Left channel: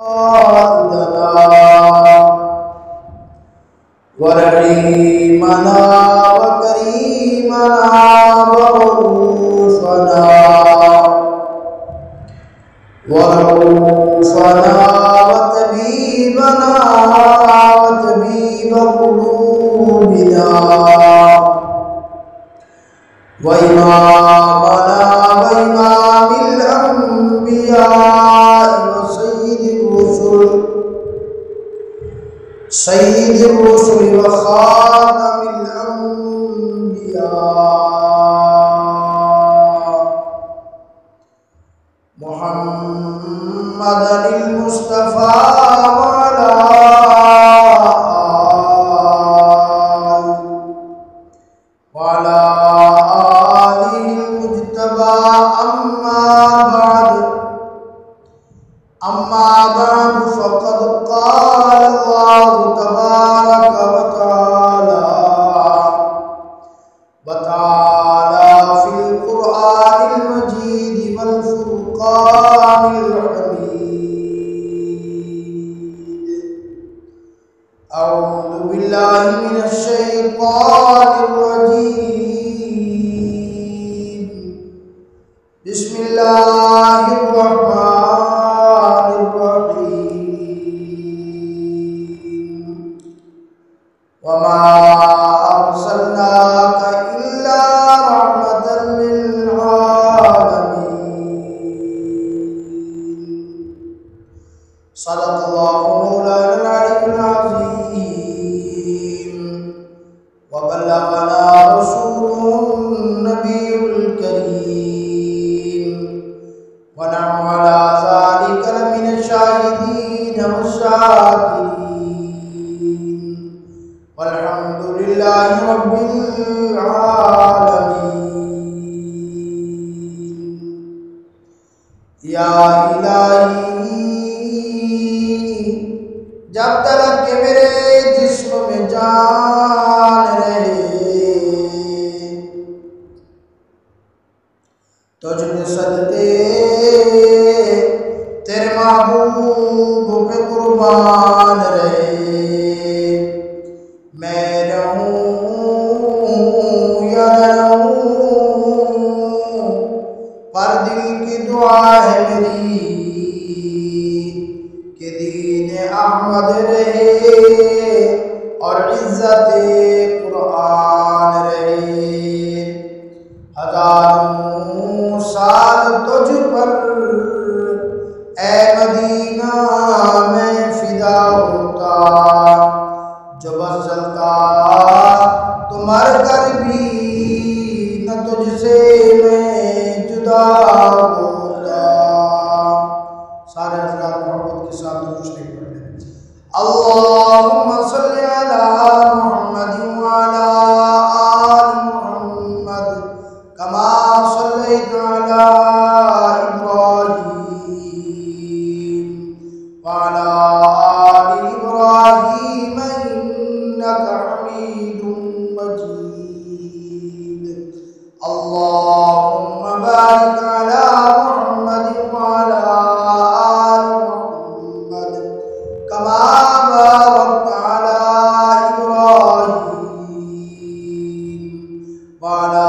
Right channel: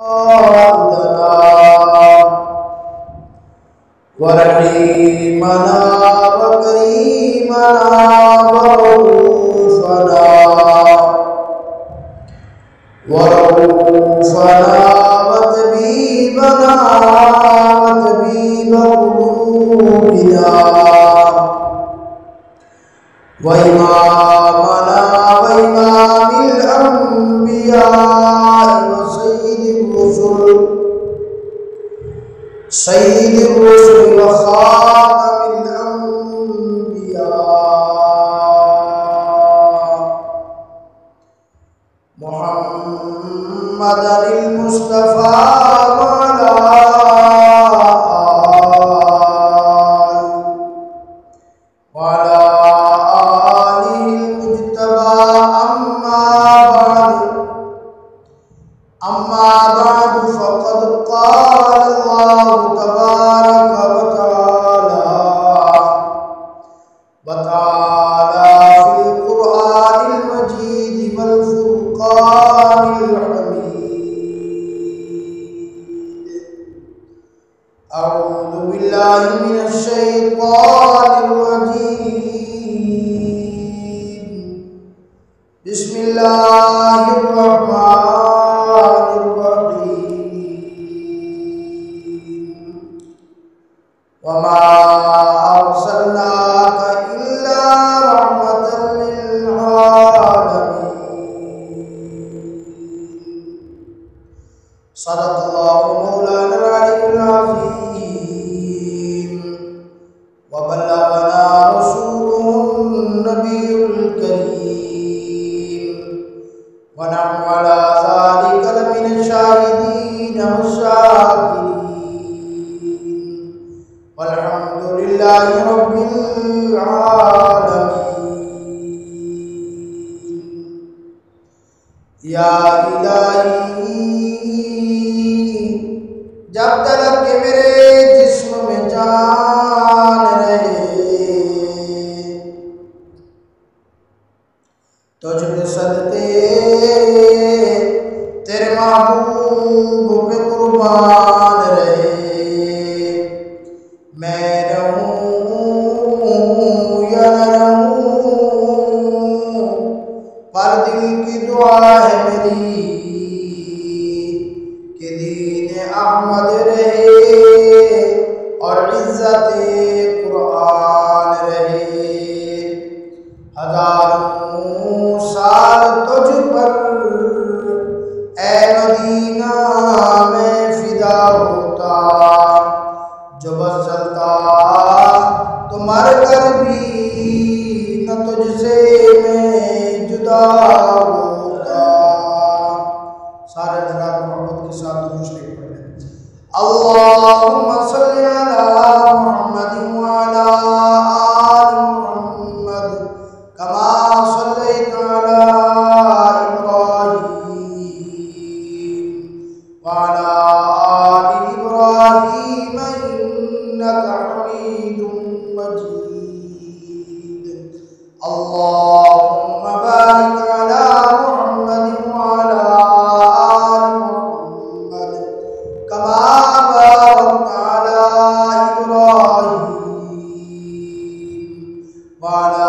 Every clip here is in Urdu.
والدنا ورحيمنا وكريمنا ورؤوفنا وطبيبنا وطبيب قلوبنا وإمامنا وإمام الأنبياء وسيد الرسل وخاتم الأنبياء محمد المصطفى وعلى آله المجتبى أما بعد فقد قال الله تبارك وتعالى في القرآن المجيد والفرقان الحميد. أعوذ بالله من الشيطان الرجيم. بسم الله الرحمن الرحيم. وما أرسلناك إلا رحمة للعالمين. صدق الله مولانا العلي العظيم. وبلغنا رسوله النبي الكريم. ونحن على ذلك لمن الشاهدين والشاكرين. والحمد لله رب العالمين. یا الہی جب تک کہ میرے جسم میں جان رہے تجھ پہ صدقے تیرے محبوب پہ قربان رہے. میں رہوں یا نہ رہوں پر دل کی دعا ہے میری کہ دین احمد رہے اور عزت قرآن رہے. ہزاروں سال تجھ پر اے مدینہ میں فدا ہوتا. جو بس چلتا تو مر کر بھی نہ تجھ سے میں جدا ہوتا. سارے حضرات محبت کے ساتھ درود شریف پڑھ لیں. اللہم صلی علی محمد وعلی آل محمد کما صلیت علی ابراہیم وعلی آل ابراہیم انک حمید مجید. اللہم بارک علی محمد وعلی آل محمد کما بارکت علی ابراہیم وعلی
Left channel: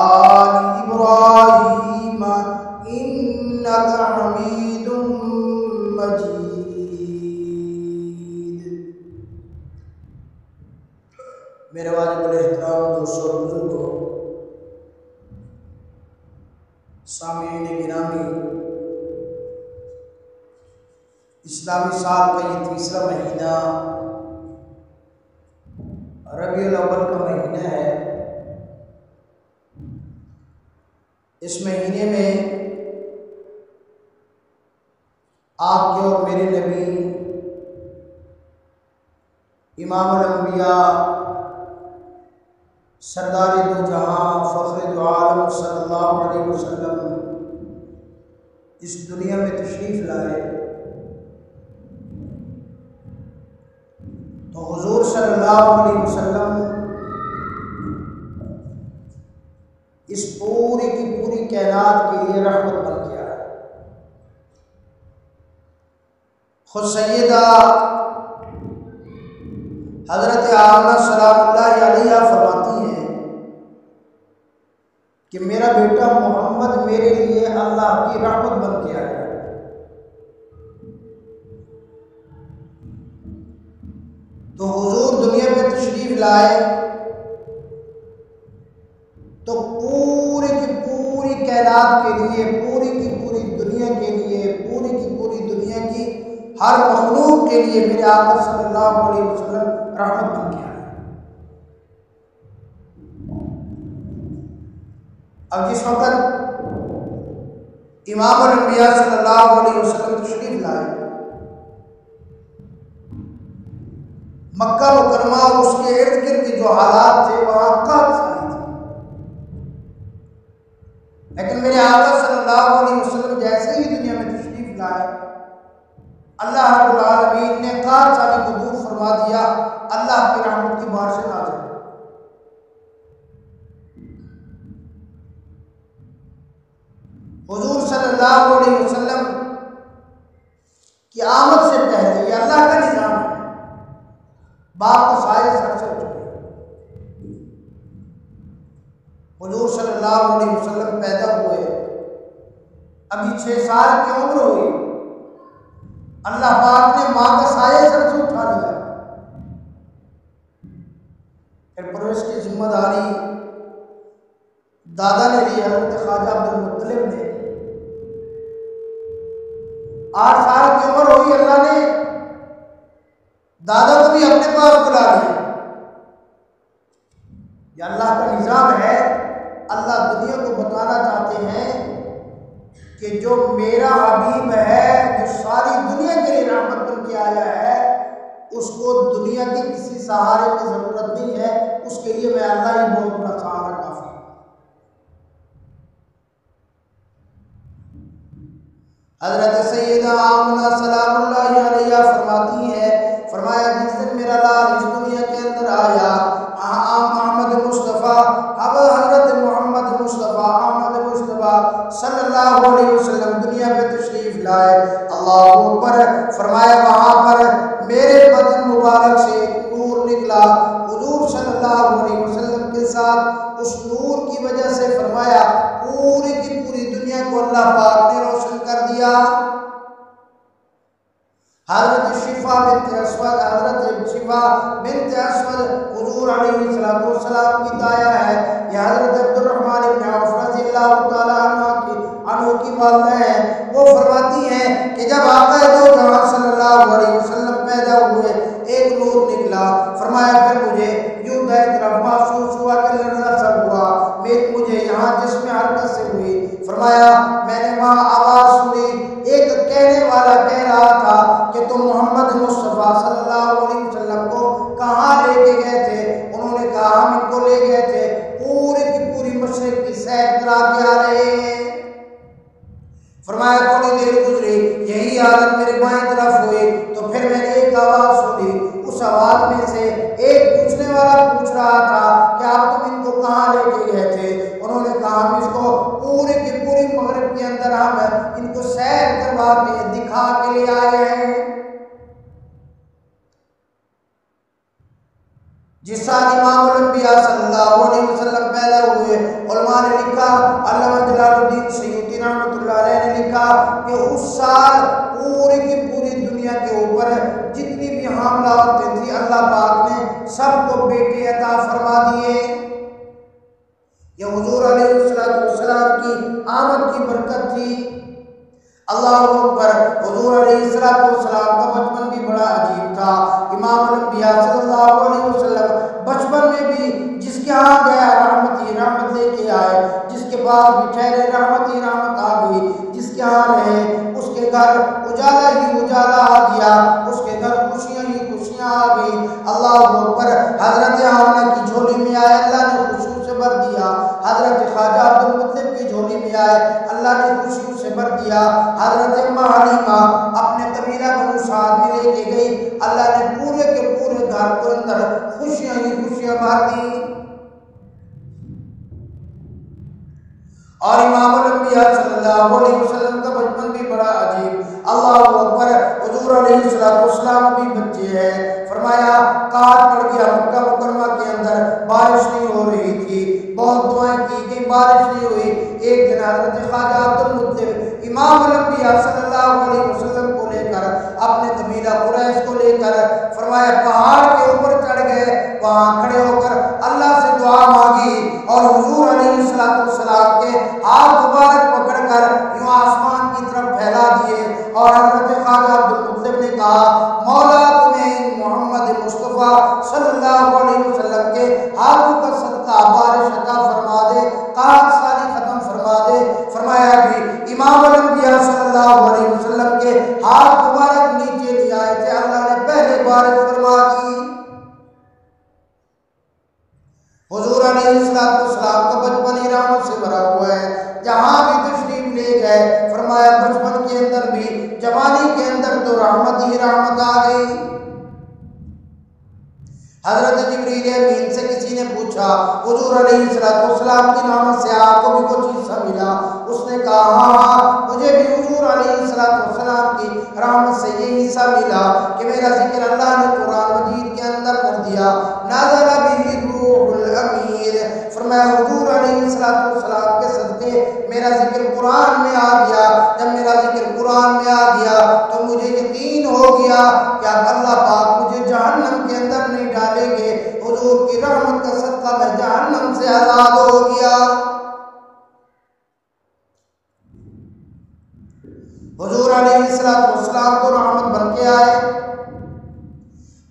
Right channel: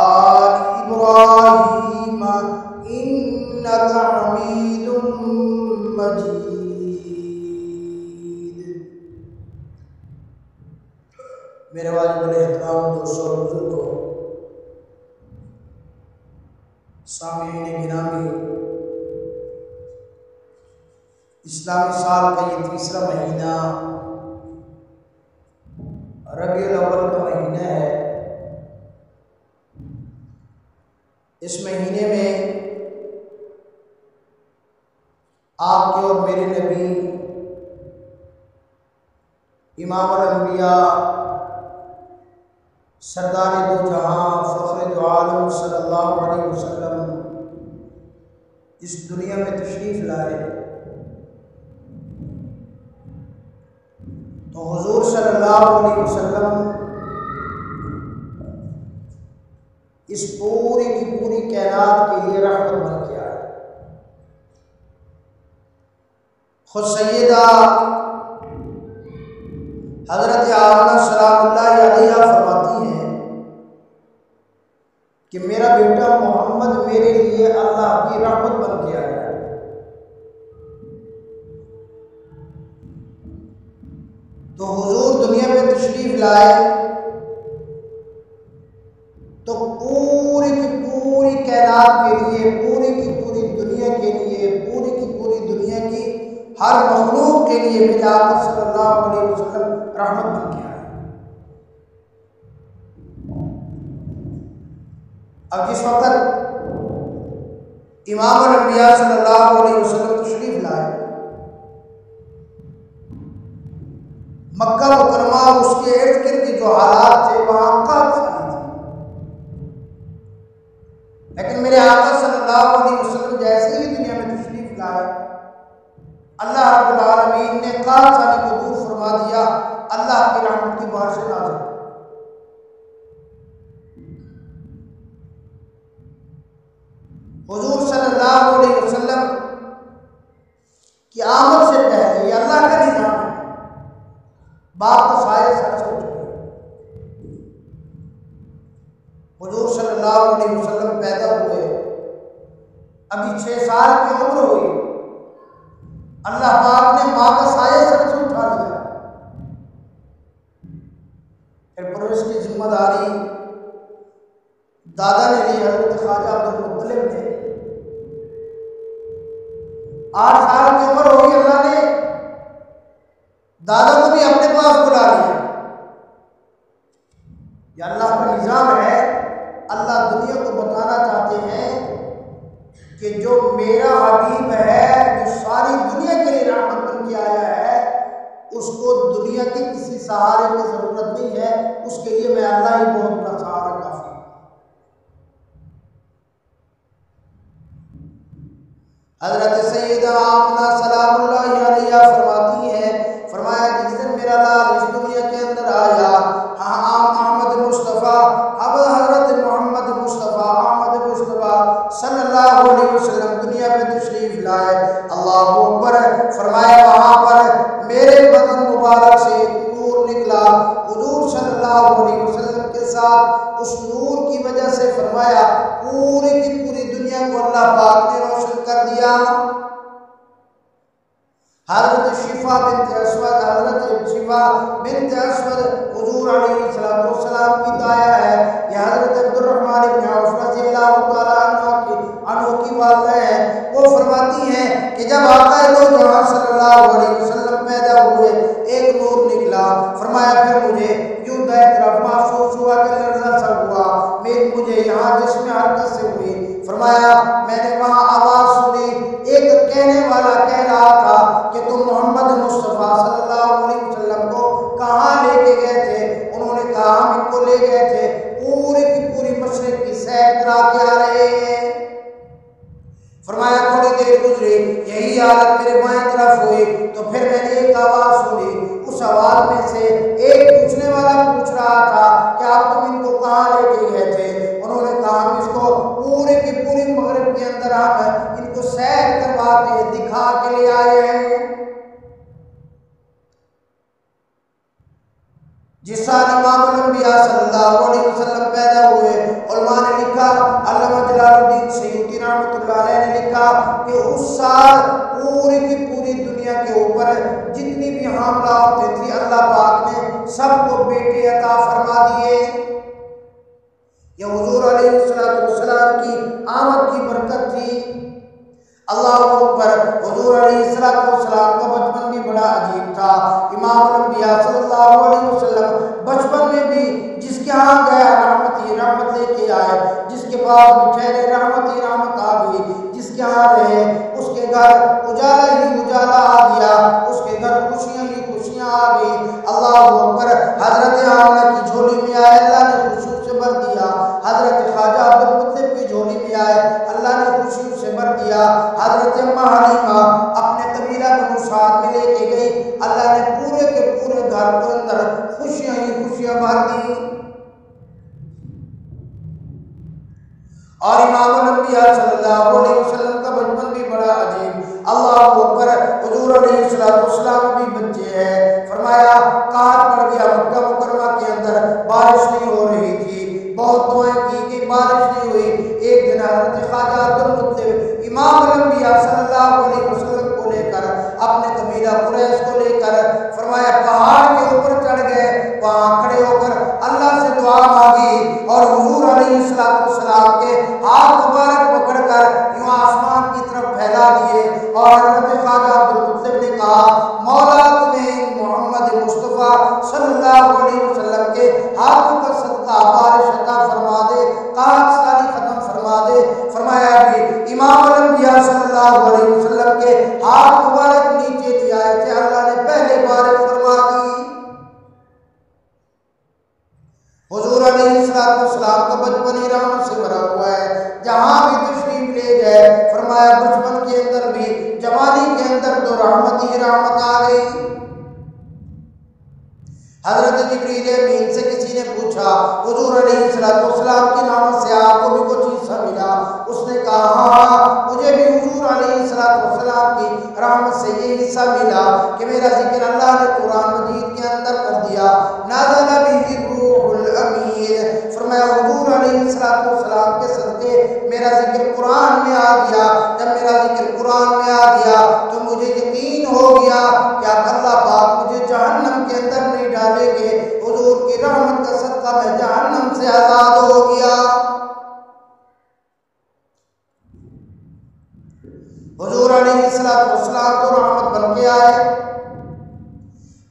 آل ابراہیم انک حمید مجید. میرے واجب الاحترام دوستوں اور بزرگوں، سامعین گرامی، اسلامی سال کا یہ تیسرا مہینہ ربیع الاول کا مہینہ ہے. اس مہینے میں آپ کے اور میرے نبی امام الانبیاء سردار دو جہاں فخر دو عالم صلی اللہ علیہ وسلم اس دنیا میں تشریف لائے تو حضور صلی اللہ علیہ وسلم اس پوری کی پوری کائنات کے لیے رحمت بن کے آئے. خود سیدہ حضرت آمنہ سلام اللہ علیہ فرماتی ہیں کہ میرا بیٹا محمد میرے لیے اللہ کی رحمت بن کے آیا ہے۔ تو حضور دنیا میں تشریف لائے تو پوری کی پوری کائنات کے لیے، پوری کی پوری دنیا کے لیے، پوری کی پوری دنیا کی ہر مخلوق کے لیے میرے آقا صلی اللہ علیہ وسلم رحمت بن کے آئے۔ اب جس وقت امام الانبیاء صلی اللہ علیہ وسلم تشریف لائے، مکہ مکرمہ اور اس کے ارد گرد کے جو حالات تھے وہاں قحط ساری تھی، لیکن میرے آقا صلی اللہ علیہ وسلم جیسے ہی دنیا میں تشریف لائے، اللہ رب العالمین نے قحط سالی کو دور فرما دیا، اللہ کی رحمت کی بارشیں نازل۔ حضور صلی اللہ علیہ وسلم کی آمد سے پہلے، یہ اللہ کا نظام ہے، باپ کا سایہ سر سے اٹھ گیا۔ حضور صلی اللہ علیہ وسلم پیدا ہوئے، ابھی 6 سال کی عمر ہوئی، اللہ پاک نے ماں کا سایہ سر سے اٹھا لیا۔ پھر پرورش کی ذمہ داری دادا نے لی، حضرت خواجہ عبد المطلب نے۔ 8 سال کی عمر ہوئی، اللہ نے دادا کو بھی اپنے پاس بلا لیا۔ یہ اللہ کا نظام ہے۔ اللہ دنیا کو بتانا چاہتے ہیں کہ جو میرا حبیب ہے، جو ساری دنیا کے لیے رحمت بن کے آیا ہے، اس کو دنیا کے کسی سہارے کی ضرورت نہیں ہے، اس کے لیے میں اللہ ہی بہت بڑا سہارا کافی۔ حضرت سیدہ آمنہ سلام اللہ علیہ فرماتی ہیں، فرمایا جس دن میرا لال اس دنیا کے اندر آیا، احمد مصطفیٰ، حضرت محمد مصطفیٰ احمد مصطفیٰ صلی اللہ علیہ وسلم دنیا پہ تشریف لائے، اللہ اکبر، فرمایا وہاں پر میرے بدن مبارک سے ایک نور نکلا، حضور صلی اللہ علیہ وسلم کے ساتھ اس نور کی وجہ سے فرمایا پوری کی پوری دنیا کو اللہ پاک نے روشن کر دیا۔ حضرت شفا بنت اسود حضور علیہ السلام کی دایا ہے، یہ حضرت عبد الرحمن بن عوف رضی اللہ تعالیٰ عنہ کی والدہ ہے۔ وہ فرماتی ہیں کہ جب آقا دو جہاں صلی اللہ علیہ وسلم پیدا ہوئے، ایک نور نکلا، فرمایا پھر مجھے یوں دائیں طرف محسوس ہوا کہ لرزہ سا ہوا، مجھے یہاں جسم حرکت سے ہوئی، فرمایا میں نے وہاں آواز سنی، ایک کہنے والا کہہ رہا تھا کہ تم محمد مصطفیٰ صلی اللہ علیہ وسلم کو کہاں لے کے گئے تھے؟ انہوں نے کہا ہم ان کو لے گئے تھے پوری کی پوری مشرق کی سیر کرا کے آ رہے ہیں۔ فرمایا تھوڑی دیر گزری، یہی حالت میرے بائیں طرف ہوئی تو پھر میں نے ایک آواز سنی، اس آواز میں سے ایک پوچھنے والا پوچھ رہا تھا کہ آپ تم ان کو کہاں لے کے گئے تھے؟ انہوں نے کہا ہم اس کو پوری کی پوری مغرب کے اندر ہم ان کو سیر کروا کے دکھا کے لے آئے ہیں۔ جس سال امام الانبیاء صلی اللہ علیہ وسلم پیدا ہوئے، علماء نے لکھا، علامہ جلال الدین سیوطی رحمۃ اللہ علیہ نے لکھا کہ اس سال پوری کی پوری دنیا کے اوپر جتنی بھی حاملہ عورتیں تھیں، اللہ پاک نے سب کو بیٹے عطا فرما دیے۔ یہ حضور علیہ السلام کی آمد کی برکت تھی۔ اللہ اکبر، حضور علیہ السلام کا بچپن بھی بڑا عجیب تھا۔ امام الانبیاء صلی اللہ علیہ وسلم بچپن میں بھی جس کے ہاں گیا رحمت ہی رحمت لے کے آئے، جس کے پاس بھی ٹھہرے رحمت ہی رحمت آ گئی، جس کے ہاں رہے اس کے گھر اجالا ہی اجالا آ گیا، اس کے گھر خوشیاں ہی خوشیاں آ گئی۔ اللہ اکبر، حضرت آمنہ کی جھولی میں آئے، اللہ نے خوشیوں سے بھر دیا۔ حضرت خواجہ عبد المطلب کی جھولی میں آئے، اللہ نے خوشیوں سے بھر دیا۔ حضرت اماں حلیمہ اپنے قبیلہ بنو سعد میں لے کے گئی، اللہ نے پورے کے پورے گھر کو اندر خوشیاں ہی خوشیاں بھر دی۔ اور امام الانبیاء صلی اللہ علیہ وسلم کا بچپن بھی بڑا عجیب، اللہ اکبر، حضور علیہ السلام ابھی بچے ہیں، فرمایا قحط پڑ گیا مکہ مکرمہ کے اندر، بارش نہیں ہو رہی تھی، بہت دعائیں کی گئی، بارش نہیں ہوئی۔ ایک دن حضرت خواجہ عبد المطلب امام الانبیاء صلی اللہ علیہ وسلم کو لے کر، اپنے قبیلہ قریش کو لے کر، فرمایا پہاڑ کے اوپر چڑھ گئے، وہاں کھڑے ہو کر اللہ سے دعا مانگی اور حضور علیہ السلام کے ہاتھ مبارک پکڑ کر یوں آسمان کی طرف پھیلا دیے، اور حضرت خواجہ عبد المطلب نے کہا مولا تمہیں محمد مصطفیٰ صلی اللہ علیہ وسلم کے ہاتھوں کا صدقہ بارش عطا فرما دے، قحط سالی ختم فرما دے۔ فرمایا بھی امام الانبیاء صلی اللہ علیہ وسلم کے ہاتھ مبارک نیچے نہیں آئے تھے، اللہ نے پہلے بارش فرما دی۔ حضور علیہ السلام کا بچپن ہی رحمت سے بھرا ہوا ہے، جہاں بھی تشریف لے گئے فرمایا بچپن کے اندر بھی، جوانی کے اندر تو رحمت ہی رحمت آ گئی۔ حضرت جبریل امین سے کسی نے پوچھا حضور علیہ السلام کی رحمت سے آپ کو بھی کچھ حصہ ملا؟ اس نے کہا ہاں مجھے بھی حضور علیہ السلام کی رحمت سے یہ حصہ ملا کہ میرا ذکر اللہ نے قرآن مجید کے اندر کر دیا، نازل بہ الروح الامین، فرمایا حضور علیہ السلام کے صدقے میرا ذکر قرآن میں آ گیا۔ جب میرا ذکر قرآن میں آ گیا تو مجھے یقین ہو گیا کہ اب اللہ پاک مجھے جہنم کے اندر نہیں ڈالیں گے، حضور کی رحمت کا صدقہ میں جہنم سے آزاد ہو گیا۔ حضور علیہ السلام تو رحمت بن کے آئے۔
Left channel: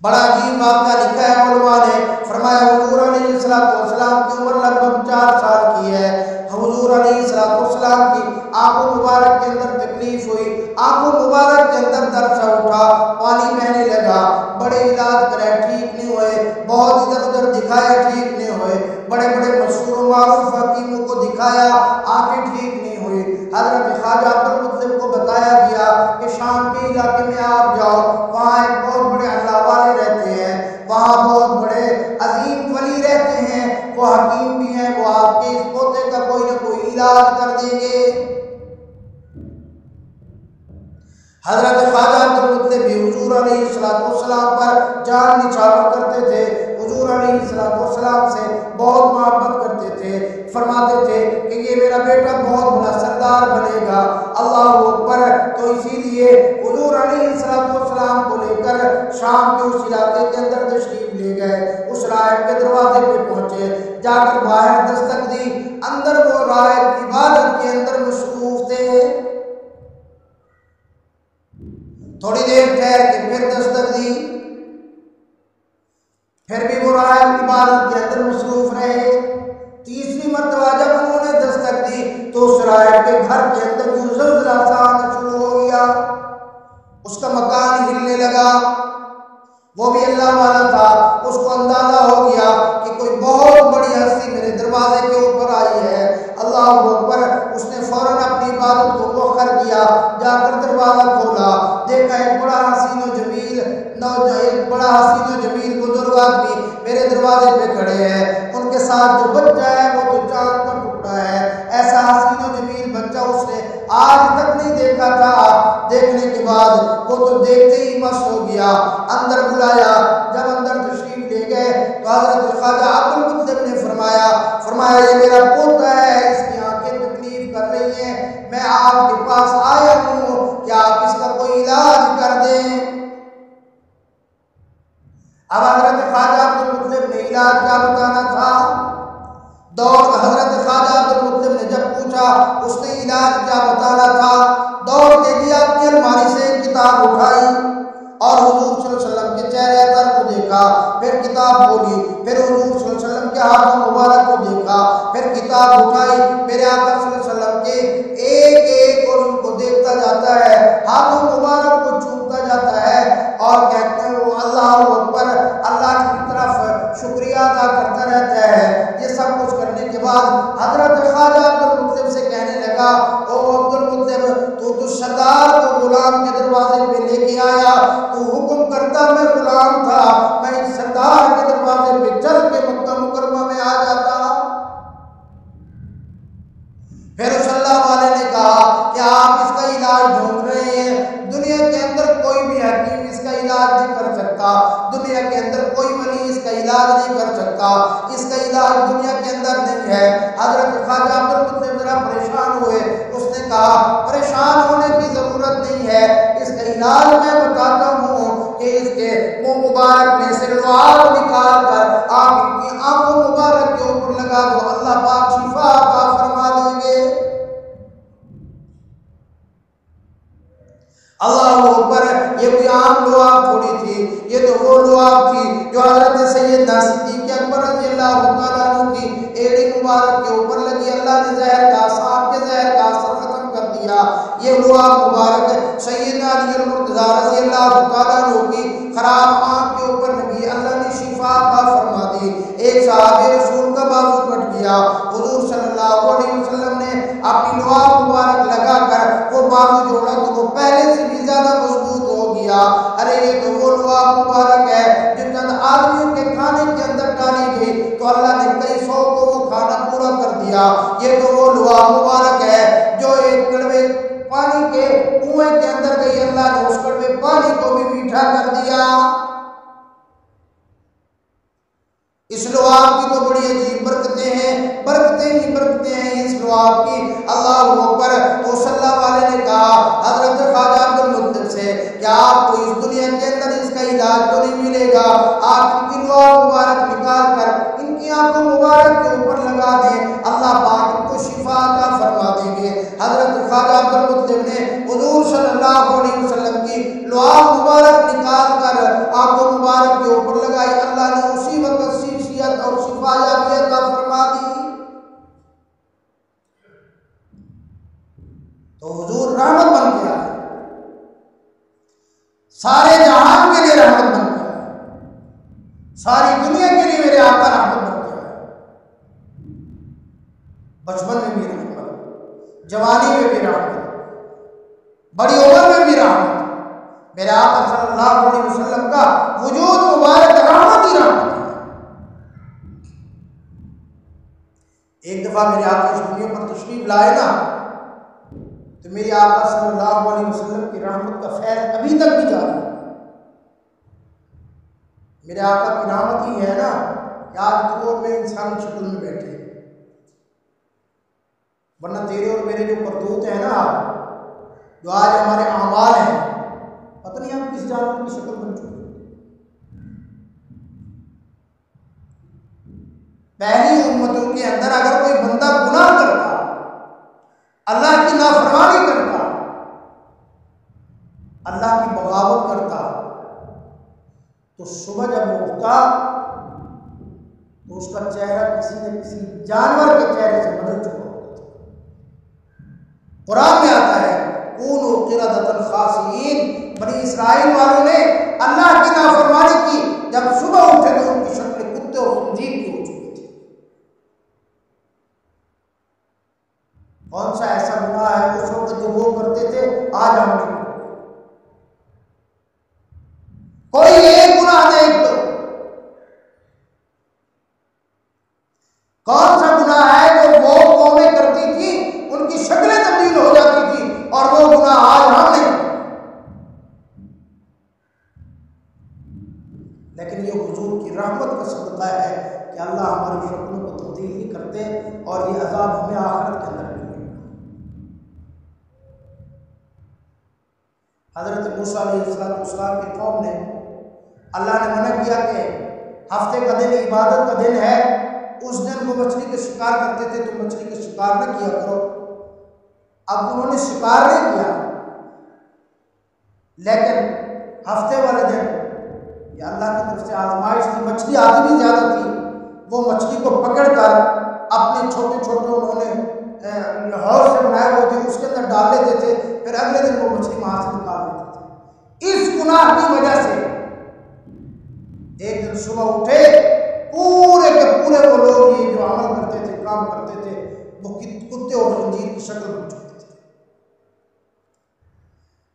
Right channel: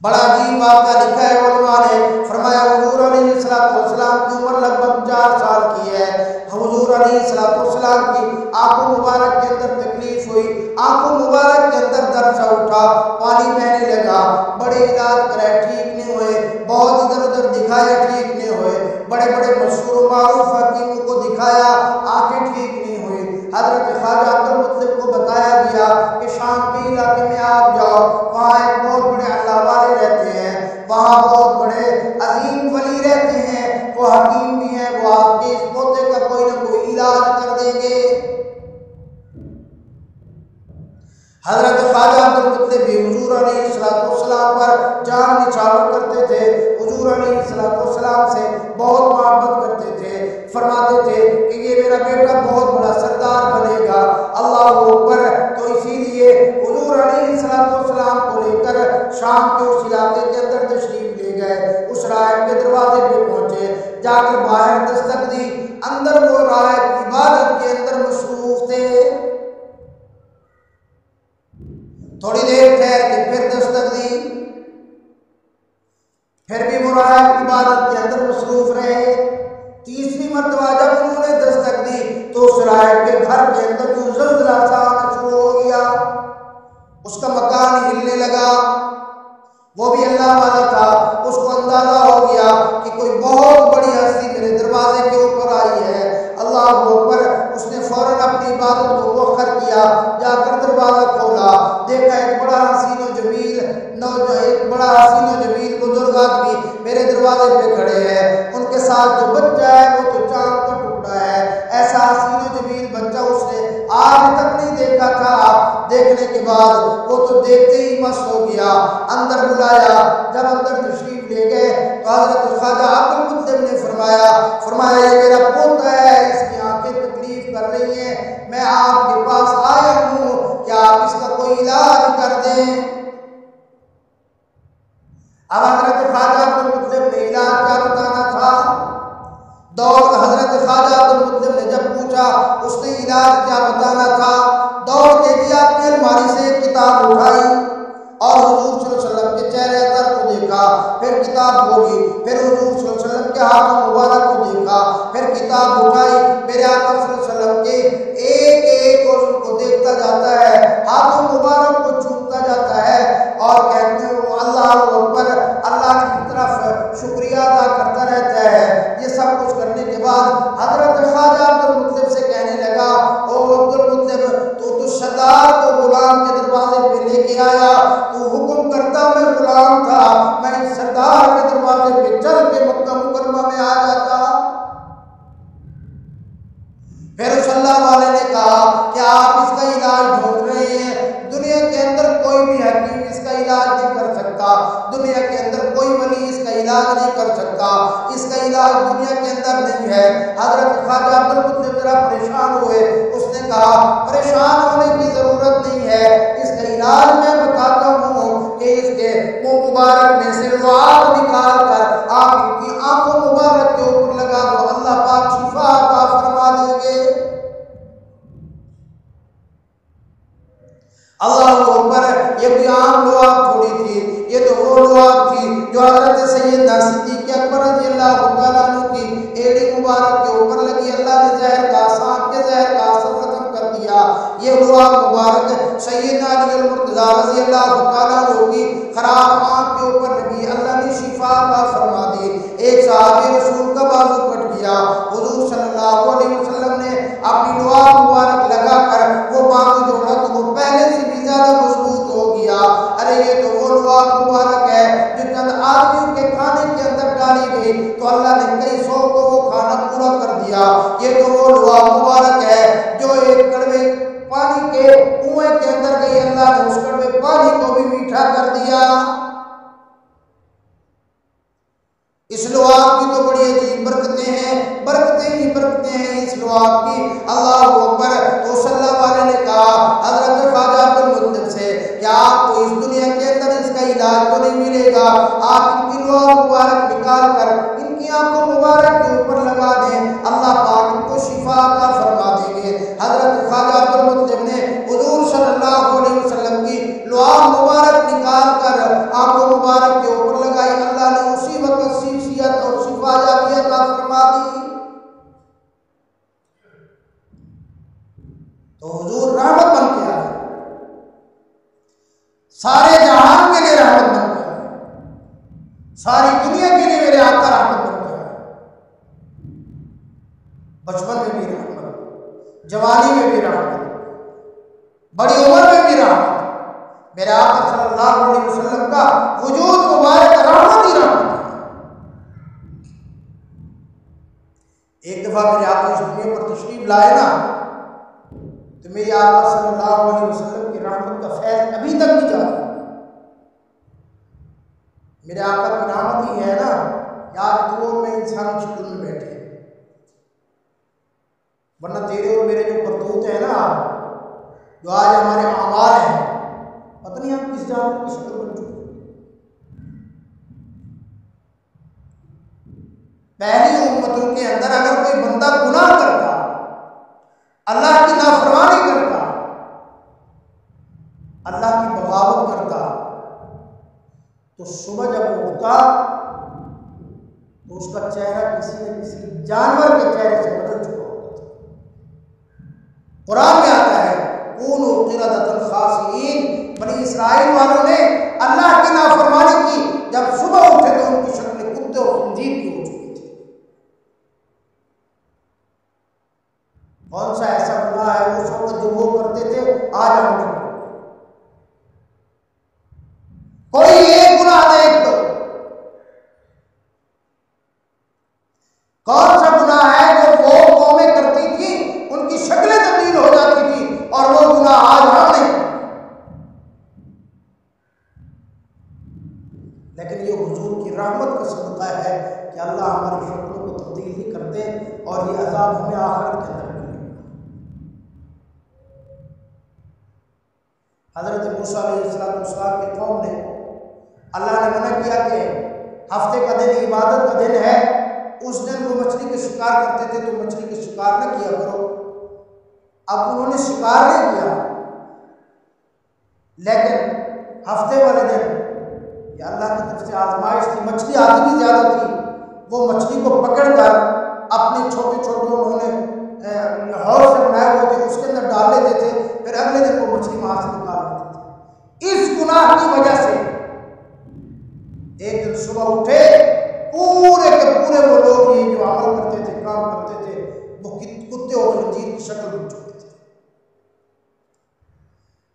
بڑا عجیب واقعہ لکھا ہے علماء نے، فرمایا حضور علیہ السلام کی عمر لگ بھگ 4 سال کی ہے، حضور علیہ السلام کی آنکھوں مبارک کے اندر تکلیف ہوئی، آنکھوں مبارک کے اندر درد سا اٹھا، پانی بہنے لگا، بڑے علاج کرائے ٹھیک نہیں ہوئے، بہت ادھر ادھر دکھایا ٹھیک نہیں ہوئے، بڑے بڑے مشہور و معروف حکیموں کو دکھایا، آنکھیں ٹھیک نہیں ہوئی۔ حضرت خواجہ عبد المطلب کو بتایا گیا کہ شام کے علاقے میں آپ جاؤ، وہاں ایک بہت بڑے اللہ والے رہتے ہیں، وہاں بہت بڑے عظیم ولی رہتے ہیں، وہ حکیم بھی ہیں، وہ آپ کے اس پوتے کا کوئی نہ کوئی علاج کر دیں گے۔ حضرت خواجہ عبد المطلب بھی حضور علیہ السلام پر جان نچھاور کرتے تھے، حضور علیہ السلام سے بہت محبت کرتے تھے، فرماتے تھے کہ یہ میرا بیٹا بہت بڑا سردار بنے گا، اللہ اکبر۔ تو اسی لیے حضور علیہ السلام کو لے کر شام کے اس علاقے کے اندر تشریف لے گئے، اس راہب کے دروازے پہ پہنچے، جا کر باہر دستک دی، اندر وہ راہب عبادت کے اندر مصروف تھے، تھوڑی دیر ٹھہر کے پھر دستک دی، پھر بھی وہ راہب عبادت کے اندر مصروف رہے۔ تیسری مرتبہ جب انہوں نے دستک دی تو اس راہب کے گھر کے اندر جو زلزلہ سا آنا شروع ہو گیا، اس کا مکان ہلنے لگا، وہ بھی اللہ والا تھا، اس کو اندازہ ہو گیا کہ کوئی بہت بڑی ہستی میرے دروازے کے اوپر آئی ہے، اللہ اکبر۔ اس نے فوراً اپنی عبادت کو مؤخر کیا، جا کر دروازہ کھولا، دیکھا ایک بڑا حسین و جمیل بزرگ آدمی میرے دروازے پہ کھڑے ہیں، ان کے ساتھ جو بچہ ہے وہ تو چاند کا ٹکڑا ہے، ایسا حسین و جمیل بچہ اس نے آج تک نہیں دیکھا تھا۔ دیکھنے کے بعد وہ تو دیکھتے ہی مست ہو گیا، اندر بلایا، جب اندر تشریف لے گئے تو حضرت خواجہ عبد المطلب نے فرمایا یہ میرا پوتا ہے، اس کی آنکھیں تکلیف کر رہی ہیں، میں آپ کے پاس آیا ہوں کہ آپ اس کا کوئی علاج کر دیں۔ اب حضرت خواجہ عبد المطلب نے علاج کیا بتانا تھا، حضرت خواجہ عبد المطلب نے جب پوچھا اس نے علاج کیا بتانا تھا، دوڑ کے گیا، اپنی الماری سے ایک کتاب اٹھائی اور حضور صلی اللہ علیہ وسلم کے چہرے اثر کو دیکھا، پھر کتاب بولی، پھر حضور صلی اللہ علیہ وسلم کے ہاتھوں مبارک کو دیکھا، پھر کتاب اٹھائی، میرے آقا صلی اللہ علیہ وسلم کے ایک ایک عضو کو دیکھتا جاتا ہے، ہاتھوں مبارک کو چومتا جاتا ہے اور کہتے ہیں وہ اللہ اکبر، اللہ کی طرف شکریہ ادا کرتا رہتا ہے۔ یہ سب کچھ کرنے کے بعد حضرت خواجہ عبد المطلب سے کہنے لگا، او عبد المطلب تو سردار کو غلام کے دروازے پہ لے کے آیا، تو حکم کرتا میں غلام تھا، میں اس سردار کے دروازے پہ چل کے مکہ مکرمہ میں آ جاتا۔ پھر اس اللہ والے نے کہا کہ آپ اس کا علاج ڈھونڈ رہے ہیں، دنیا کے اندر کوئی بھی حکیم اس کا علاج نہیں کر سکتا، دنیا کے اندر کوئی ولی اس کا علاج نہیں کر سکتا، اس کا علاج دنیا کے اندر نہیں ہے۔ حضرت خواجہ عبد المطلب ذرا پریشان ہوئے، اس نے کہا پریشان ہونے کی ضرورت نہیں ہے، اس کا علاج میں بتاتا ہوں کہ اس کے منہ مبارک میں سے لعاب نکال کر آپ ان کی آنکھوں مبارک کے اوپر لگا دو، اللہ پاک شفا عطا فرما دیں گے۔ اللہ اکبر، یہ کوئی عام لعاب تھوڑی تھی، یہ تو وہ لعاب تھی جو حضرت سیدنا صدیق اکبر رضی اللہ تعالیٰ عنہ کی ایڑی مبارک کے اوپر لگی، اللہ نے زہر کا، سانپ کے زہر کا اثر ختم کر دیا۔ یہ لعاب مبارک سیدنا علی المرتضیٰ رضی اللہ تعالیٰ عنہ کی خراب آنکھ کے اوپر لگی، اللہ نے شفا عطا فرما دی۔ ایک صحابی رسول کا بازو کٹ گیا، حضور صلی اللہ علیہ وسلم نے اپنی لعاب مبارک لگا کر وہ بازو جوڑا تو وہ پہلے سے بھی زیادہ مضبوط ہو گیا۔ ارے یہ تو وہ لعاب مبارک ہے جو چند آدمیوں کے کھانے کے اندر ڈالی گئی تو اللہ نے کئی سو کو وہ کھانا پورا کر دیا۔ یہ تو وہ لعاب مبارک ہے جو ایک کڑوے پانی کے کنویں کے اندر گئی، اللہ نے اس کڑوے پانی کو بھی میٹھا کر دیا۔ اس لعاب کی تو بڑی عجیب برکتیں ہیں، برکتیں ہی برکتیں ہیں اس لعاب کی۔ اللہ اکبر۔ تو صلی اللہ والے نے کہا حضرت خواجہ عبد المطلب سے کہ آپ کو اس دنیا کے اندر اس کا علاج تو نہیں ملے گا، آپ ان کی لعاب مبارک نکال کر ان کی آنکھوں مبارک کے اوپر لگا دیں، اللہ پاک ان کو شفا عطا فرما دیں گے۔ حضرت خواجہ عبد المطلب نے حضور صلی اللہ علیہ وسلم کی لعاب مبارک نکال کر آنکھوں مبارک کے اوپر لگائی، اللہ نے اسی وقت شفیعت اور شفا یابی عطا فرما دی۔ تو حضور رحمت بن کے آئے، سارے جہان کے لیے رحمت بن کے آئے، ساری دنیا کے لیے میرے آقا رحمت بن کے آئے۔ بچپن میں بھی رحمت، جوانی میں بھی رحمت، بڑی عمر میں بھی رحمت، میرے آقا صلی اللہ علیہ وسلم کا وجود مبارک رحمت ہی رحمت ہے۔ ایک دفعہ میرے آقا اس دنیا پر تشریف لائے نا تو میرے آقا صلی اللہ علیہ وسلم کی رحمت کا فیض ابھی تک بھی جاری ہے۔ میرے آقا کی رحمت ہی ہے نا کہ آج تو اور میں انسانی شکل میں بیٹھے، ورنہ تیرے اور میرے جو کرتوت ہیں نا، جو آج ہمارے اعمال ہیں، پتہ نہیں ہم کس جانور کی شکل بن چکے۔ پہلی امتوں کے اندر اگر کوئی بندہ گناہ کرتا، اللہ کی نافرمانی کرتا، اللہ کی بغاوت کرتا، تو صبح جب وہ اٹھتا تو اس کا چہرہ کسی نہ کسی جانور کے چہرے سے بدل چکا ہوتا تھا۔ قرآن میں آتا ہے کونوا قردۃ خاسئین، بنی اسرائیل والوں نے اللہ کی نافرمانی کی، جب صبح اٹھے تو ان کی شکل کتے اور خنزیر کی ہو چکی تھی۔ کون سا ایسا گناہ ہے اس وقت جو وہ کرتے تھے آج ہم نے؟ کوئی ایک گناہ دیکھ لو، کون سا گناہ ہے جو وہ قومیں کرتی تھی ان کی شکلیں تبدیل ہو جاتی تھی اور وہ گناہ آج ہم نہیں کرتے؟ لیکن یہ حضور کی رحمت کا صدقہ ہے کہ اللہ ہماری شکلوں کو تبدیل نہیں کرتے اور یہ عذاب ہمیں آخرت کے اندر ملے۔ حضرت موسیٰ علیہ السلام کی قوم نے، اللہ نے منع کیا کہ ہفتے کا دن عبادت کا دن ہے، اس دن وہ مچھلی کے شکار کرتے تھے تو مچھلی کے شکار نہ کیا کرو۔ اب انہوں نے شکار نہیں کیا، لیکن ہفتے والے دن یہ اللہ کی طرف سے آزمائش تھی، مچھلی آتی بھی زیادہ تھی، وہ مچھلی کو پکڑ کر اپنے چھوٹے چھوٹے انہوں نے ہاؤس سے بنائے ہوئے تھے اس کے اندر ڈال لیتے تھے، پھر اگلے دن وہ مچھلی وہاں سے نکال لیتے تھے۔ اس گناہ کی وجہ سے ایک دن صبح اٹھے، پورے کے پورے وہ لوگ یہ جو عمل کرتے تھے، کام کرتے تھے، وہ کتے اور خنزیر کی شکل بن چکے تھے۔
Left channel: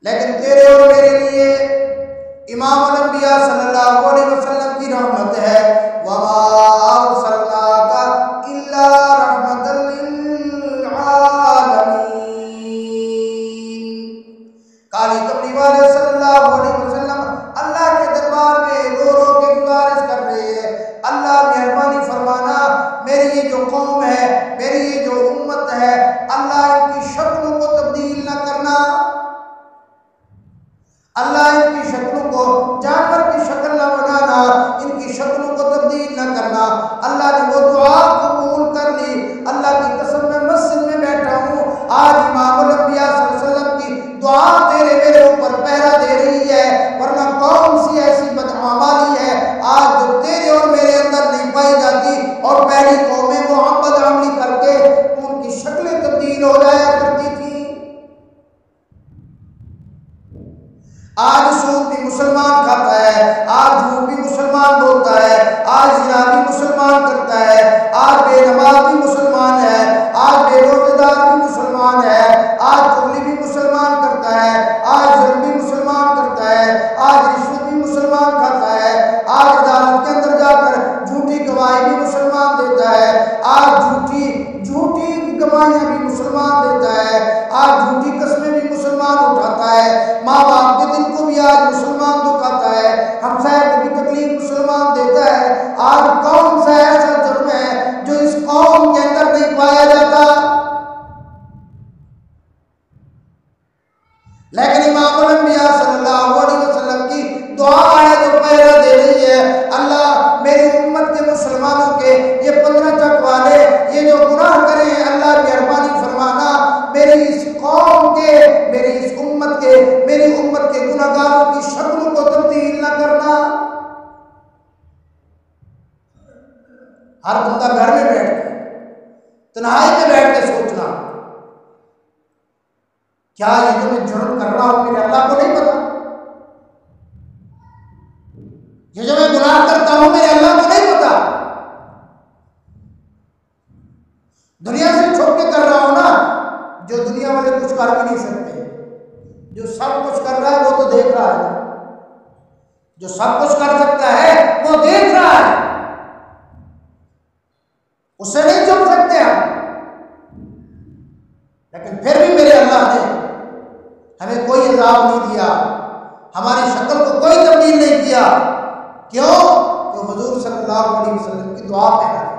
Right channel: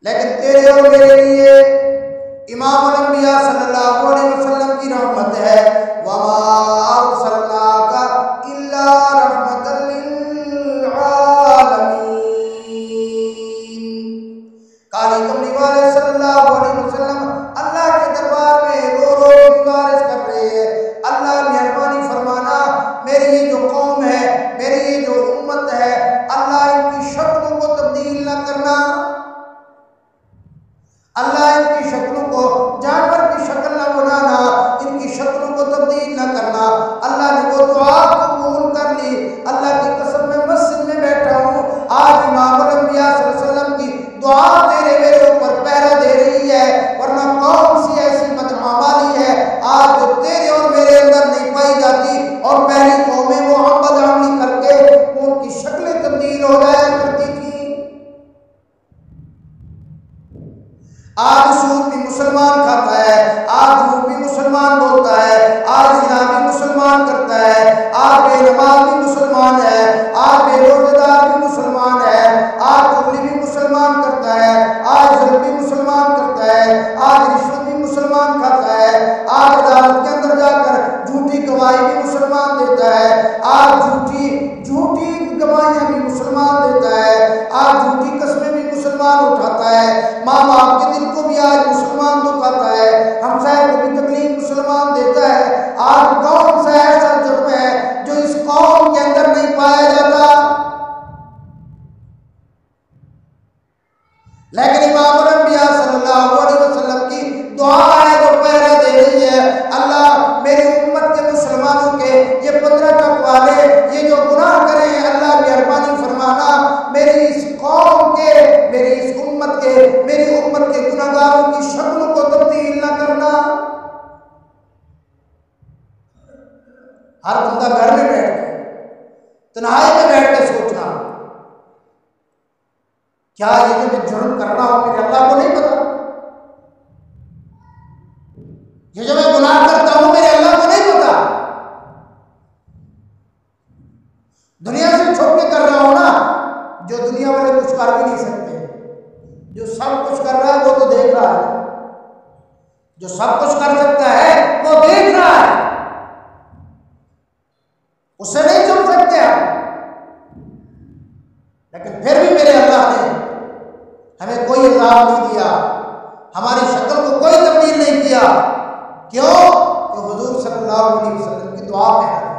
لیکن تیرے اور میرے لیے امام الانبیاء صلی اللہ علیہ وسلم کی رحمت ہے، وَمَا أَرْسَلْنَاكَ إِلَّا رَحْمَةً لِلْعَالَمِينَ۔ کی شکلوں کو جانور کی شکل نہ بنانا، ان کی شکلوں کو تبدیل نہ کرنا۔ اللہ نے وہ دعا قبول کر لی۔ اللہ کی قسم میں مسجد میں بیٹھا ہوں، آج امام الانبیاء صلی اللہ علیہ وسلم کی دعا تیرے میرے اوپر پہرا دے رہی ہے، ورنہ کون سی ایسی بدعمالی ہے آج جو تیرے اور میرے اندر نہیں پائی جاتی، اور پہلی قومیں وہ بدعملی کر کے ان کی شکلیں تبدیل ہو جایا کرتی تھیں۔ آج سود بھی مسلمان کھاتا ہے، آج جھوٹ بھی مسلمان بولتا ہے، آج زنا بھی مسلمان کرتا ہے، آج بے نماز بھی مسلمان ہے، آج بے روزہ دار بھی مسلمان ہے، آج چغلی بھی مسلمان کرتا ہے، آج ظلم بھی مسلمان کرتا ہے، آج رشوت بھی مسلمان کھاتا ہے، آج عدالت کے اندر جا کر جھوٹی گواہی بھی مسلمان دیتا ہے، آج جھوٹی گواہیاں بھی مسلمان دیتا ہے، آج جھوٹی قسمیں بھی مسلمان اٹھاتا ہے، ماں باپ کے دل کو بھی آج مسلمان دکھاتا ہے، ہمسائے کو بھی تکلیف مسلمان دیتا ہے۔ آج کون سا ایسا جرم ہے جو اس قوم کے اندر نہیں پایا جاتا؟ لیکن امام الانبیاء صلی اللہ علیہ وسلم کی دعا ہے جو پہرا دے رہی ہے، اللہ میری امت کے مسلمانوں کے یہ 15 ٹک والے یہ جو گناہ کریں، اللہ مہربانی فرمانا میری اس قوم کے، میری اس امت کے، میری امت کے گناہ گاروں کی شکلوں کو تبدیل نہ کرنا۔ ہر بندہ گھر میں بیٹھ کے، تنہائی میں بیٹھ کے سوچنا، کیا یہ جو میں جرم کر رہا ہوں میرے اللہ کو نہیں پتا؟ یہ جو میں گناہ کرتا ہوں میرے اللہ کو نہیں پتا؟ دنیا سے چھپ کے کر رہا ہوں نا، جو دنیا والے کچھ کر بھی نہیں سکتے، جو سب کچھ کر رہا ہے وہ تو دیکھ رہا ہے، جو سب کچھ کر سکتا ہے وہ دیکھ رہا ہے، اس سے نہیں چھپ سکتے ہم۔ لیکن پھر بھی میرے اللہ نے ہمیں کوئی عذاب نہیں دیا، ہماری شکل کو کوئی تبدیل نہیں کیا۔ کیوں؟ کہ حضور صلی اللہ علیہ وسلم کی دعا پہنا ہے،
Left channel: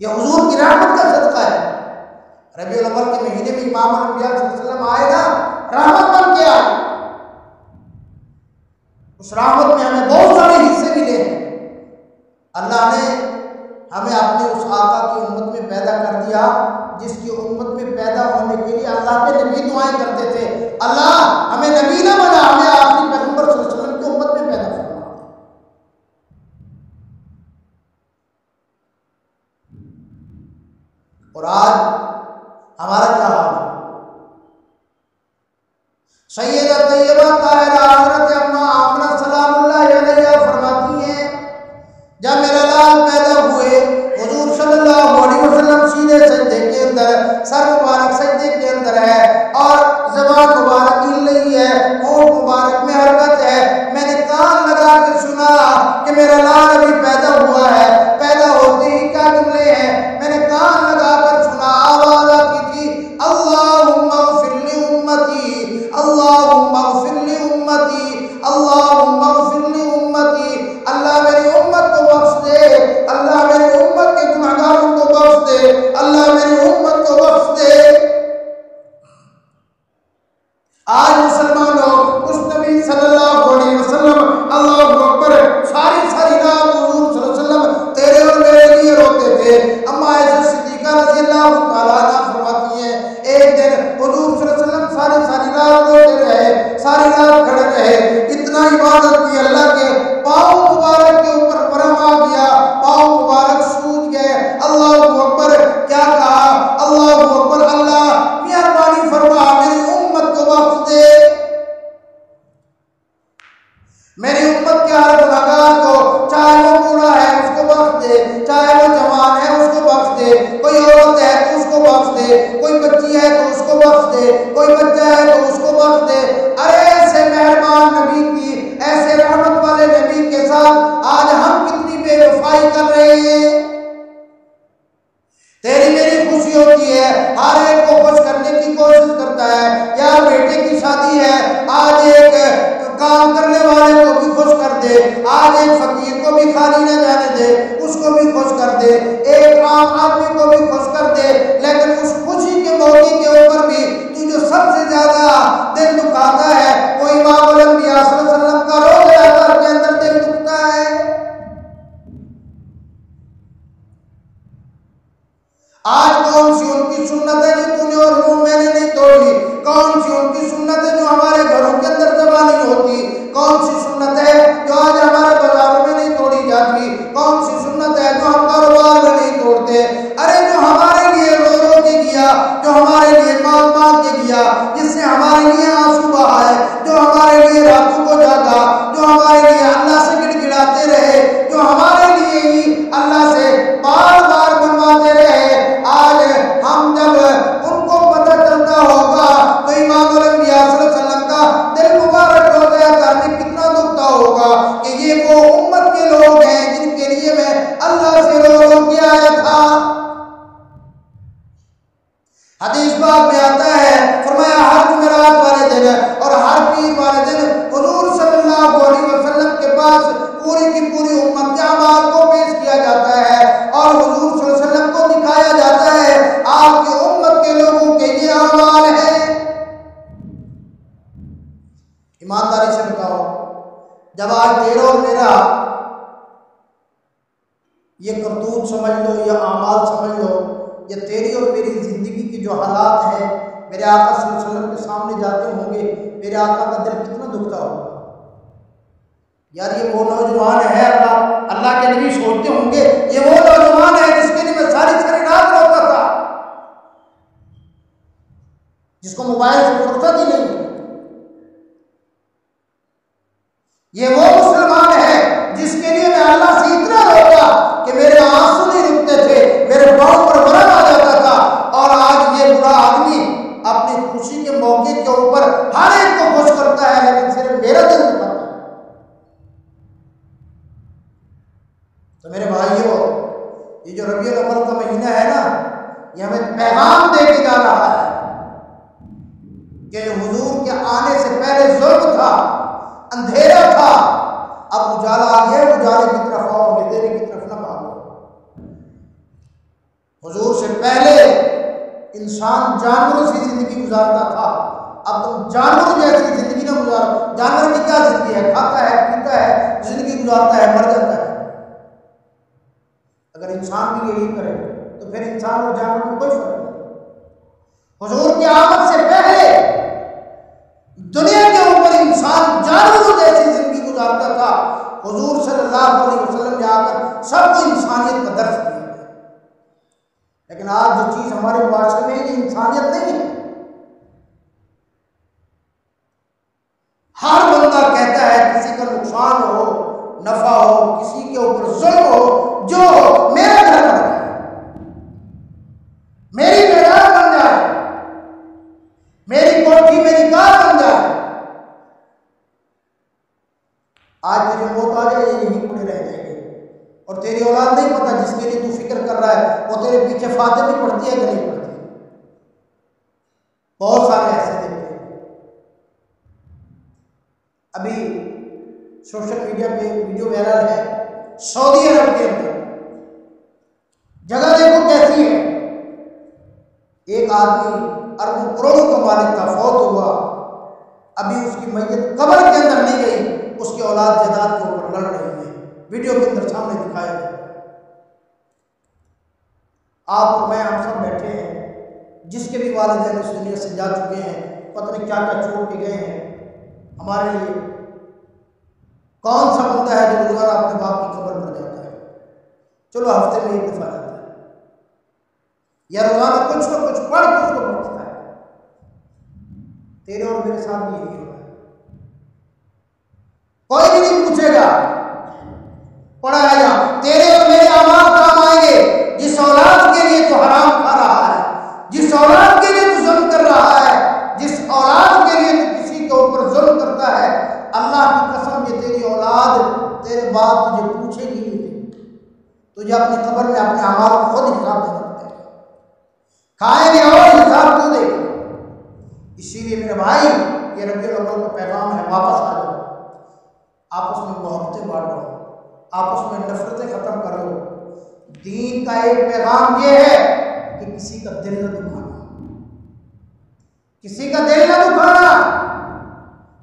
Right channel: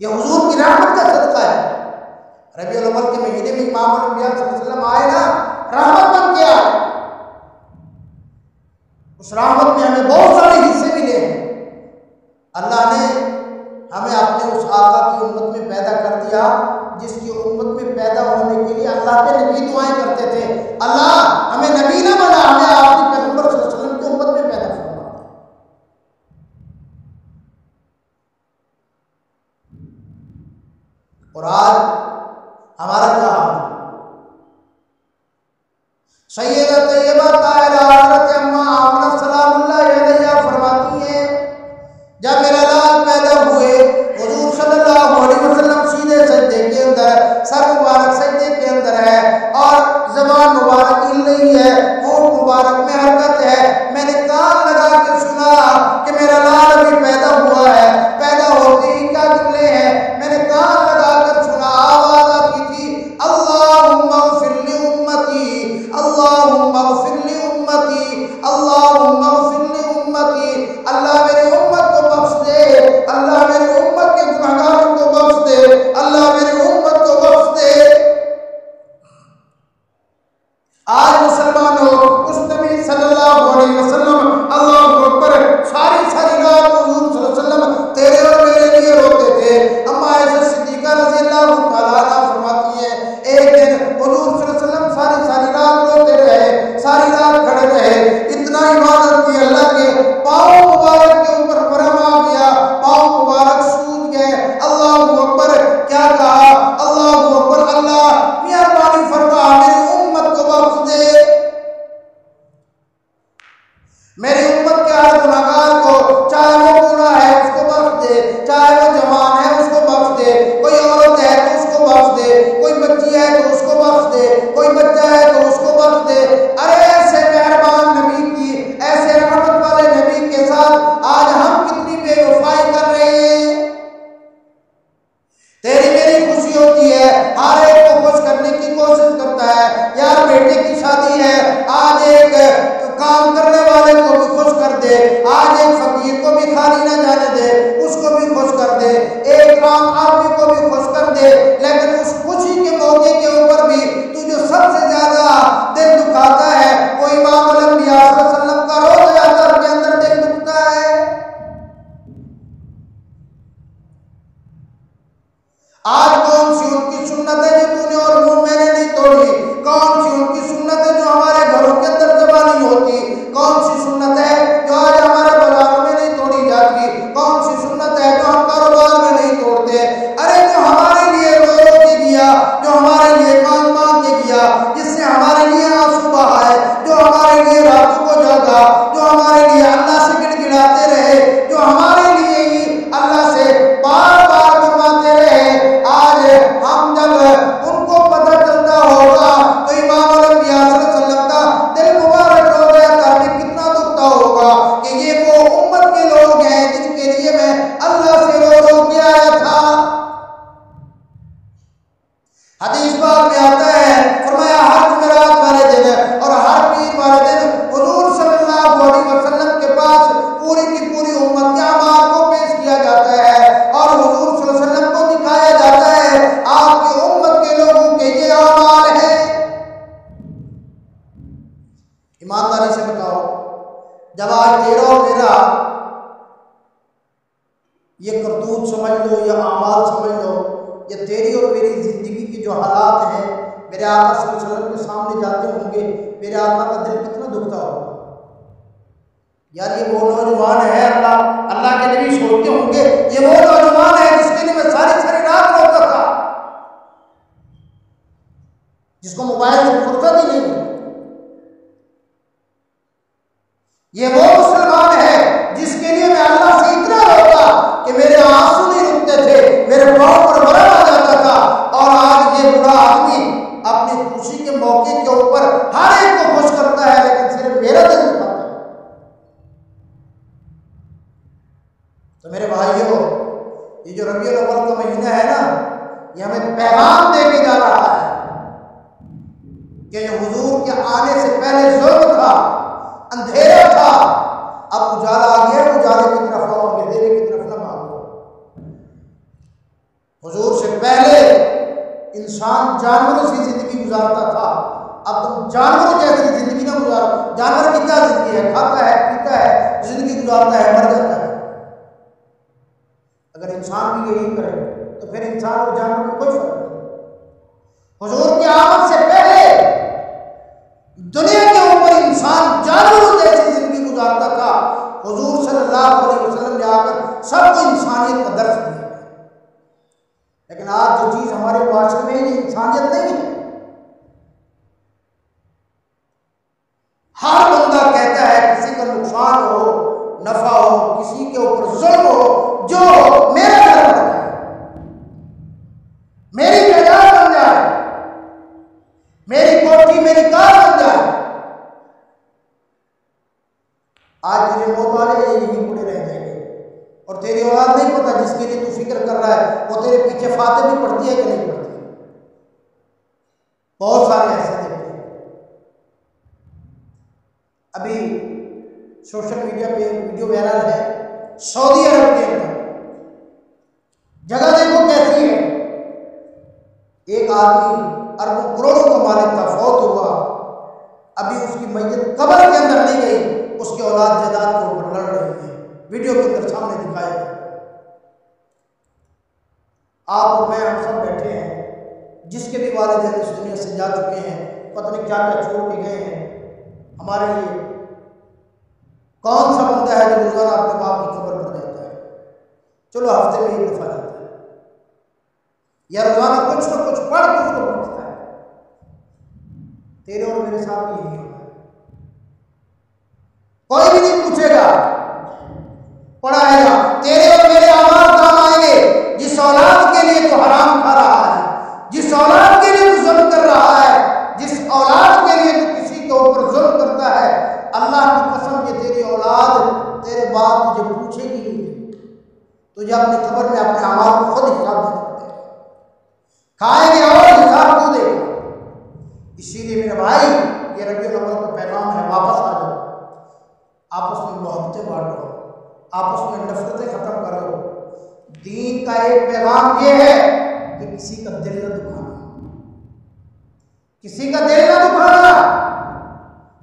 یہ حضور کی رحمت کا صدقہ ہے۔ ربیع الاول کے مہینے میں امام الانبیاء صلی اللہ علیہ وسلم آئے نا، رحمت بن کے آئے، اس رحمت میں ہمیں بہت سارے حصے ملے ہیں۔ اللہ نے ہمیں اپنے اس آقا کی امت میں پیدا کر دیا جس کی امت میں پیدا ہونے کے لیے اللہ کے نبی دعائیں کرتے تھے، اللہ ہمیں نبی نہ بنا، ہمیں آخری پیغمبر صلی اللہ علیہ وسلم کی امت میں پیدا فرما۔ اور آج ہمارا کیا حال ہے؟ سیدہ طیبہ طاہرہ حضرت اماں آمنہ سلام اللہ علیہا فرماتی ہیں، جب میرا لال پیدا ہوئے حضور صلی اللہ علیہ وسلم سیدھے سجدے کے اندر، سر مبارک سجدے کے اندر ہے اور زبان مبارک ہل رہی ہے، ہونٹ مبارک میں حرکت ہے، میں نے کان لگا کے سنا کہ میرا لال ابھی پیدا ہوا ہے۔ پیدا ہوتے ہی کیا جملے ہیں میں نے کان لگا کر سنا، آواز آتی تھی، اللہم اغفر لی امتی، اللہم اغفر لی امتی، اللہم اغفر لی امتی، اللہ میری امت کو بخش دے، اللہ میری امت کے گناہگاروں کو بخش دے، اللہ میری امت کو بخش دے۔ آج مسلمانوں اس نبی صلی اللہ علیہ وسلم، اللہ اکبر، ساری رات حضور صلی اللہ علیہ وسلم تیرے اور میرے لیے روتے تھے۔ اما عائشہ صدیقہ رضی اللہ تعالیٰ عنہ فرماتی ہیں، ایک دن حضور صلی اللہ علیہ وسلم ساری رات روتے رہے، ساری رات کھڑے رہے، اتنا عبادت کی اللہ کے پاؤں مبارک کے اوپر ورم آ گیا، پاؤں مبارک سوج گئے۔ اللہ اکبر، کیا کہا؟ اللہ اکبر، اللہ مہربانی فرما میری امت کو بخش دے، میری امت کے ہر گناہگار کو، چاہے وہ بوڑھا ہے اس کو بخش دے، چاہے وہ جوان ہے اس کو بخش دے، کوئی عورت ہے تو اس کو بخش دے، کوئی بچی ہے تو اس کو بخش دے، کوئی بچہ ہے تو اس کو بخش دے۔ ارے ایسے مہربان نبی کی، ایسے رحمت والے نبی کے ساتھ آج ہم کتنی بے وفائی کر رہے ہیں۔ تیری میری خوشی ہوتی ہے، ہر ایک کو خوش کرنے کی کوشش کرتا ہے، یار بیٹے کی شادی ہے، آج ایک کام کرنے والے کو بھی خوش کر دے، آج ایک فقیر کو بھی خالی نہ جانے دے، اس کو بھی خوش کر دے، ایک عام آدمی کو بھی خوش کر دے، لیکن اس خوشی کے موقع کے اوپر بھی تو جو سب سے زیادہ دل دکھاتا ہے وہ امام الانبیاء صلی اللہ علیہ وسلم کا روضہ اطہر کے اندر دل دکھتا ہے۔ آج کون سی ان کی سنت ہے جو تو نے اور وہ میں نے نہیں توڑی؟ کون سی ان کی سنت ہے جو ہمارے گھروں کے اندر جمع نہیں ہوتی؟ کون سی سنت ہے جو آج ہمارے بازاروں میں نہیں توڑی جاتی؟ کون سی سنت ہے جو ہم کاروبار میں نہیں توڑتے؟ ارے جو ہمارے لیے رو رو کے گیا، جو ہمارے لیے مانگ مانگ کے گیا، جس نے ہمارے لیے آنسو بہائے، جو ہمارے لیے راتوں کو جاگا، جو ہمارے لیے اللہ سے گڑ گڑاتے رہے، جو ہمارے لیے ہی اللہ سے بار بار بنواتے رہے، آج ہم جب ان کو پتہ چلتا ہوگا تو امام الانبیاء صلی اللہ علیہ وسلم کا دل مبارک روضہ اطہر میں کتنا دکھتا ہوگا کہ یہ وہ امت کے لوگ ہیں جن کے لیے میں اللہ سے رو رو کے آیا تھا۔ حدیث پاک میں آتا ہے، فرمایا ہر جمعرات والے دن اور ہر پیر والے دن حضور صلی اللہ علیہ وسلم کے پاس پوری کی پوری امت کے اعمال کو پیش کیا جاتا ہے اور حضور صلی اللہ علیہ وسلم کو دکھایا جاتا ہے آپ کی امت کے لوگوں کے یہ اعمال ہیں۔ ایمانداری سے بتاؤ، جب آج تیرا اور میرا یہ کرتوت سمجھ لو یا اعمال سمجھ لو، یا تیری اور میری زندگی کی جو حالات ہیں میرے آقا صلی اللہ علیہ وسلم کے سامنے جاتے ہوں گے، میرے آقا کا دل کتنا دکھتا ہوگا؟ یار یہ وہ نوجوان ہے، اللہ کے نبی سوچتے ہوں گے یہ وہ نوجوان ہے جس کے لیے میں ساری رات روتا تھا، جس کو موبائل سے فرصت ہی نہیں ہے۔ یہ وہ مسلمان ہے جس کے لیے میں اللہ سے اتنا روتا کہ میرے آنسو نہیں رکتے تھے، میرے پاؤں پر ورم آ جاتا تھا، اور آج یہ برا آدمی اپنی خوشی کے موقع کے اوپر ہر ایک کو خوش کرتا ہے لیکن صرف میرا دل دکھاتا ہے۔ تو میرے بھائیوں، یہ جو ربیع الاول کا مہینہ ہے نا، یہ ہمیں پیغام دے کے جا رہا ہے کہ جو حضور کے آنے سے پہلے ظلم تھا، اندھیرا تھا، اب اجالا آ گیا ہے، اجالے کی طرف آؤ، اندھیرے کی طرف نہ بھاگو۔ حضور سے پہلے انسان جانوروں سی زندگی گزارتا تھا، اب تم جانوروں جیسی زندگی نہ گزارو۔ جانور کی کیا زندگی ہے؟ کھاتا ہے، پیتا ہے، زندگی گزارتا ہے، مر جاتا ہے۔ اگر انسان بھی یہی کرے تو پھر انسان اور جانور میں کوئی فرق نہیں۔ حضور کی آمد سے پہلے دنیا کے اوپر انسان جانوروں جیسی زندگی گزارتا تھا، حضور صلی اللہ علیہ وسلم نے آ کر سب کو انسانیت کا درس دیا۔ لیکن آج جو چیز ہمارے معاشرے میں یہ انسانیت نہیں ہے۔ ہر بندہ کہتا ہے کسی کا نقصان ہو، نفع ہو، کسی کے اوپر ظلم ہو، جو ہو، میرا گھر بن جائے، میری جائیداد بن جائے، میری کوٹھی میری کار بن جائے۔ آج تجھے موت آ جائے، یہیں پڑے رہ جائیں گے، اور تیری اولاد نہیں پتہ جس کے لیے تو فکر کر رہا ہے وہ تیرے پیچھے فاتح بھی پڑھتی ہے کہ نہیں پڑھتی۔ بہت سارے ایسے دیکھتے ہیں۔ ابھی سوشل میڈیا پہ ویڈیو وائرل ہے، سعودی عرب کے اندر جگہ دیکھو کیسی ہے، ایک آدمی اربوں کروڑوں کا مالک تھا، فوت ہوا، ابھی اس کی میت قبر کے اندر نہیں گئی، اس کی اولاد جائیداد کے اوپر لڑ رہی ہے، ویڈیو کے اندر سامنے دکھایا گیا۔ آپ اور میں ہم سب بیٹھے ہیں، جس کے بھی والدین اس دنیا سے جا چکے ہیں، پتہ نہیں کیا کیا چھوڑ کے گئے ہیں ہمارے لیے۔ کون سا بندہ ہے جو روزانہ اپنے باپ کی قبر پر جاتا ہے؟ چلو ہفتے میں ایک دفعہ جاتا ہے، یا روزانہ کچھ نہ کچھ پڑھ کے اس کو پوچھتا ہے۔ تیرے اور میرے ساتھ بھی یہی ہوگا، کوئی بھی نہیں پوچھے گا، پڑھا ہے جا، تیرے اور میرے اعمال کام آئیں گے۔ جس اولاد کے لیے تو حرام کھا رہا ہے، جس اولاد کے لیے تو ظلم کر رہا ہے، جس اولاد کے لیے تو کسی کے اوپر ظلم کرتا ہے، اللہ کی قسم یہ تیری اولاد تیرے بعد تجھے پوچھے گی نہیں، تجھے اپنی قبر میں اپنے اعمال کو خود حساب دینا پڑے گا، کھائیں گے اور حساب تو دے گا۔ اسی لیے میرے بھائی یہ ربیع الاول کا پیغام ہے، واپس آ جاؤ، آپس میں محبتیں بانٹو، آپس میں نفرتیں ختم کرو۔ دین کا ایک پیغام یہ ہے کہ کسی کا دل نہ دکھانا، کسی کا دل نہ دکھانا،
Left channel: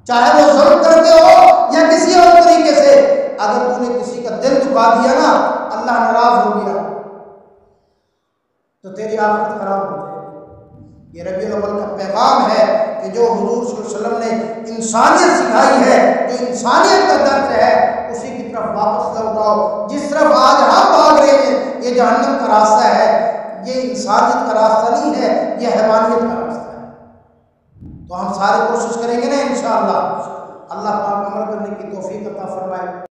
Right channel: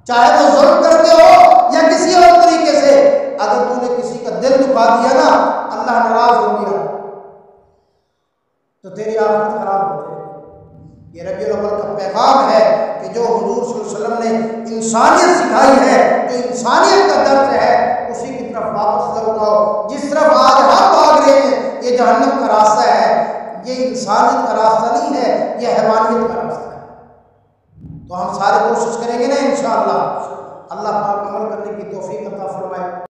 چاہے وہ ظلم کر کے ہو یا کسی اور طریقے سے۔ اگر تو نے کسی کا دل دکھا دیا نا، اللہ ناراض ہو گیا تو تیری آخرت خراب ہو جائے گی۔ یہ ربیع الاول کا پیغام ہے کہ جو حضور صلی اللہ علیہ وسلم نے انسانیت سکھائی ہے، جو انسانیت کا درس ہے، اسی کی طرف واپس لوٹاؤ۔ جس طرف آج ہم بھاگ رہے ہیں یہ جہنم کا راستہ ہے، یہ انسانیت کا راستہ نہیں ہے، یہ حیوانیت کا راستہ ہے۔ تو ہم سارے کوشش کریں گے نا انشاءاللہ، اللہ پاک عمل کرنے کی توفیق عطا فرمائے۔